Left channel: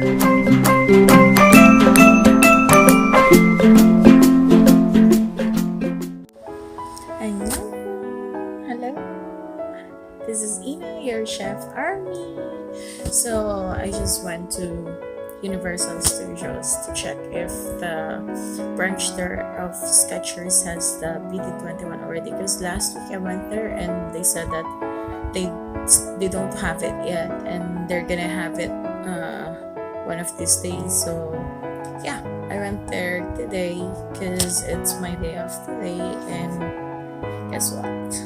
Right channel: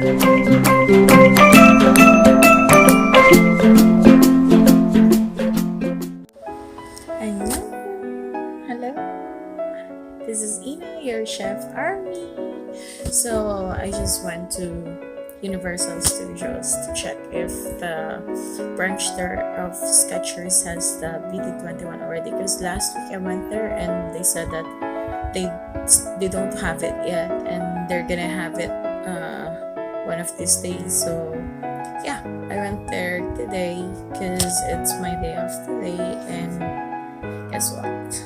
Hello, this is Ina, your chef Army. So I just went to Universal Studios to check if the branch there of Skechers has the BT21 already, because last week I went there and they said that they don't have it yet and they're gonna have it one of these days. So yeah, I went there today because it's my day off today, and guess what?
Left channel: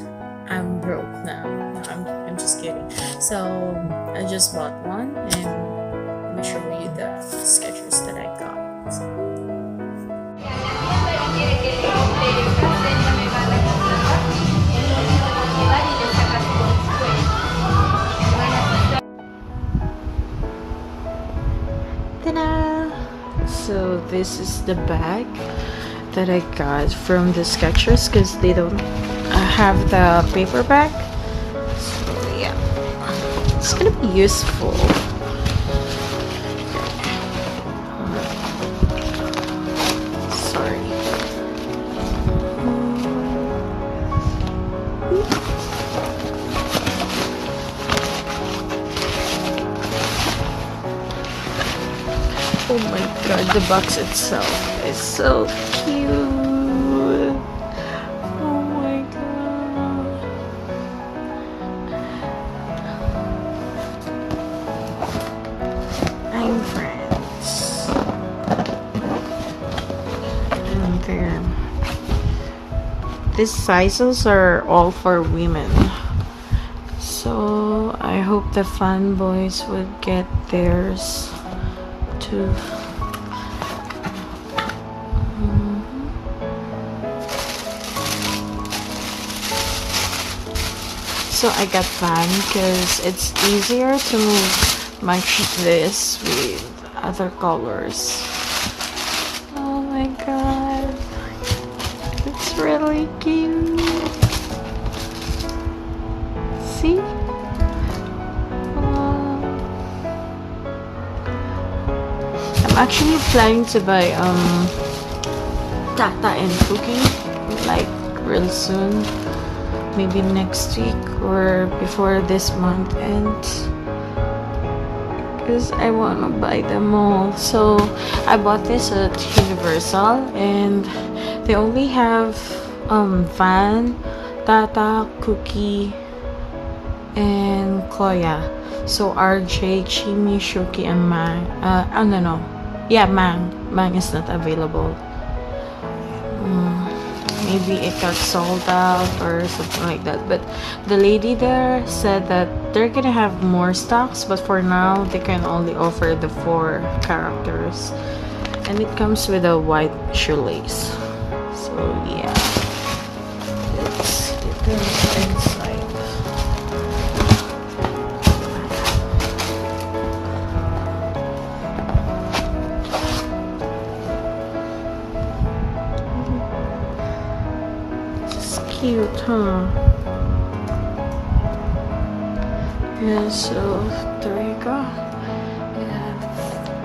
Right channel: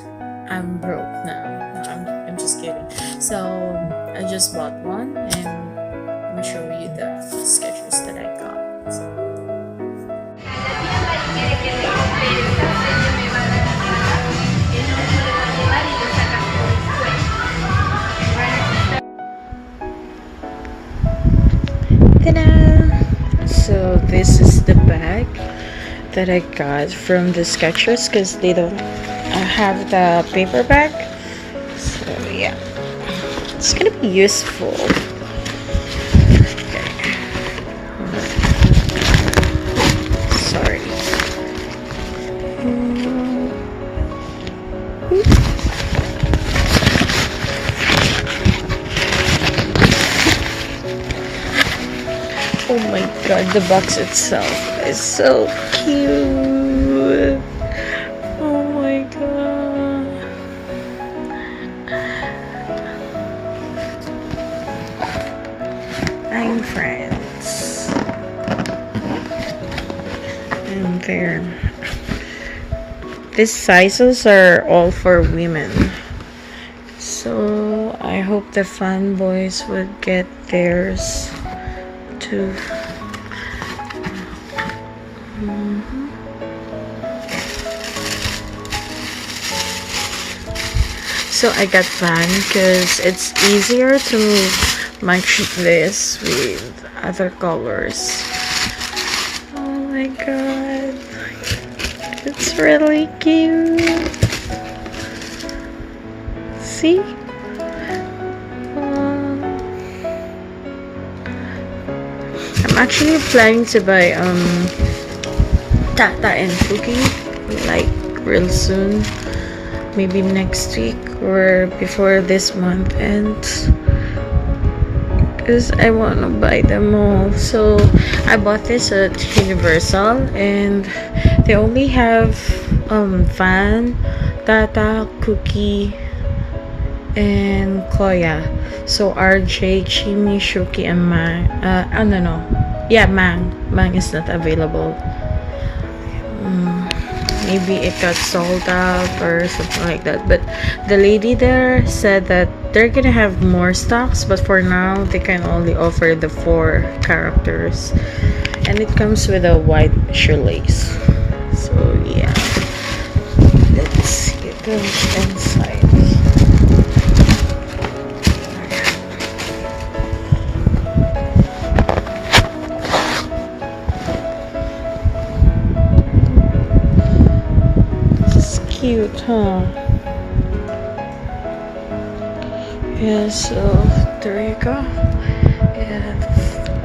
I'm broke now. No, I'm just kidding. So I just bought one, and let me show you the Skechers that I got. Ta-da! So this is the bag that I got from the Skechers because they don't have the paper bag. So yeah, it's gonna be useful. Okay. Sorry. Oh my god, the box itself is so cute. Oh my god. I'm friends. And there. These sizes are all for women. So I hope the fanboys would get theirs too. So I got fan because it's easier to match this with other colors. Oh my god, it's really cute. See? I'm actually planning to buy Tata and Shooky like real soon, maybe next week or before this month ends, because I want to buy them all. So I bought this at Universal and they only have Van, Tata, Cookie, and Koya. So RJ, Chimmy, Shooky, and Mang. No. Yeah, Mang. Mang is not available. Maybe it got sold out or something like that. But the lady there said that they're gonna have more stocks, but for now they can only offer the 4 characters. And it comes with a white shoelace. So yeah. Let's see the inside. Cute, huh? Yeah, so there you go. Yeah,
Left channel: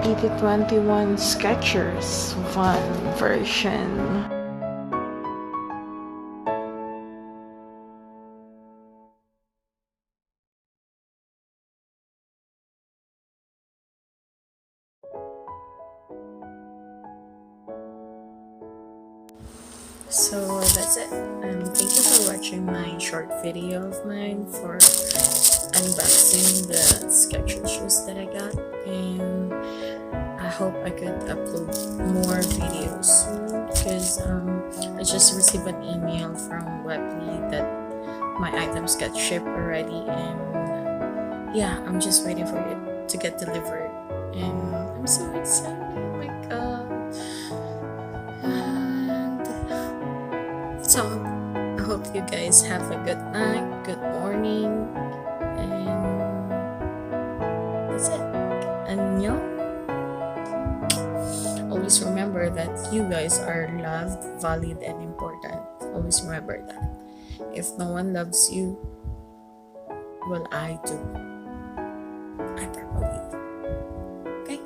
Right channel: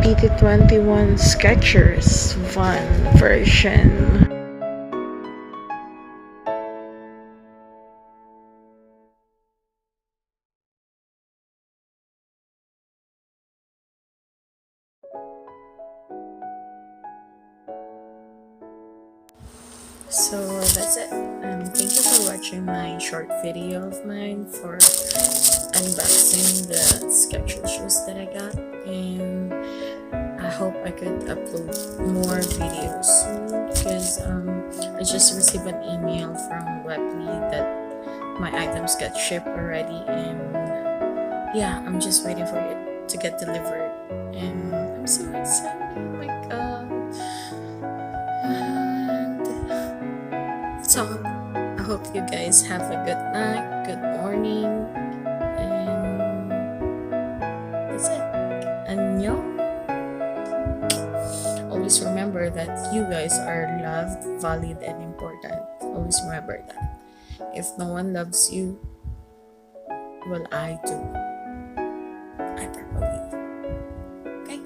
BT21 Skechers Van version. So that's it. Thank you for watching my short video of mine for unboxing the Skechers shoes that I got, and I hope I could upload more videos soon because I just received an email from Webly that my items got shipped already, and yeah, I'm just waiting for it to get delivered, and I'm so excited. Oh my god. So I hope you guys have a good night, good morning, and that's it. Annyeong. Always remember that you guys are loved, valued, and important. Always remember that. If no one loves you, well, I do. I probably do. Okay?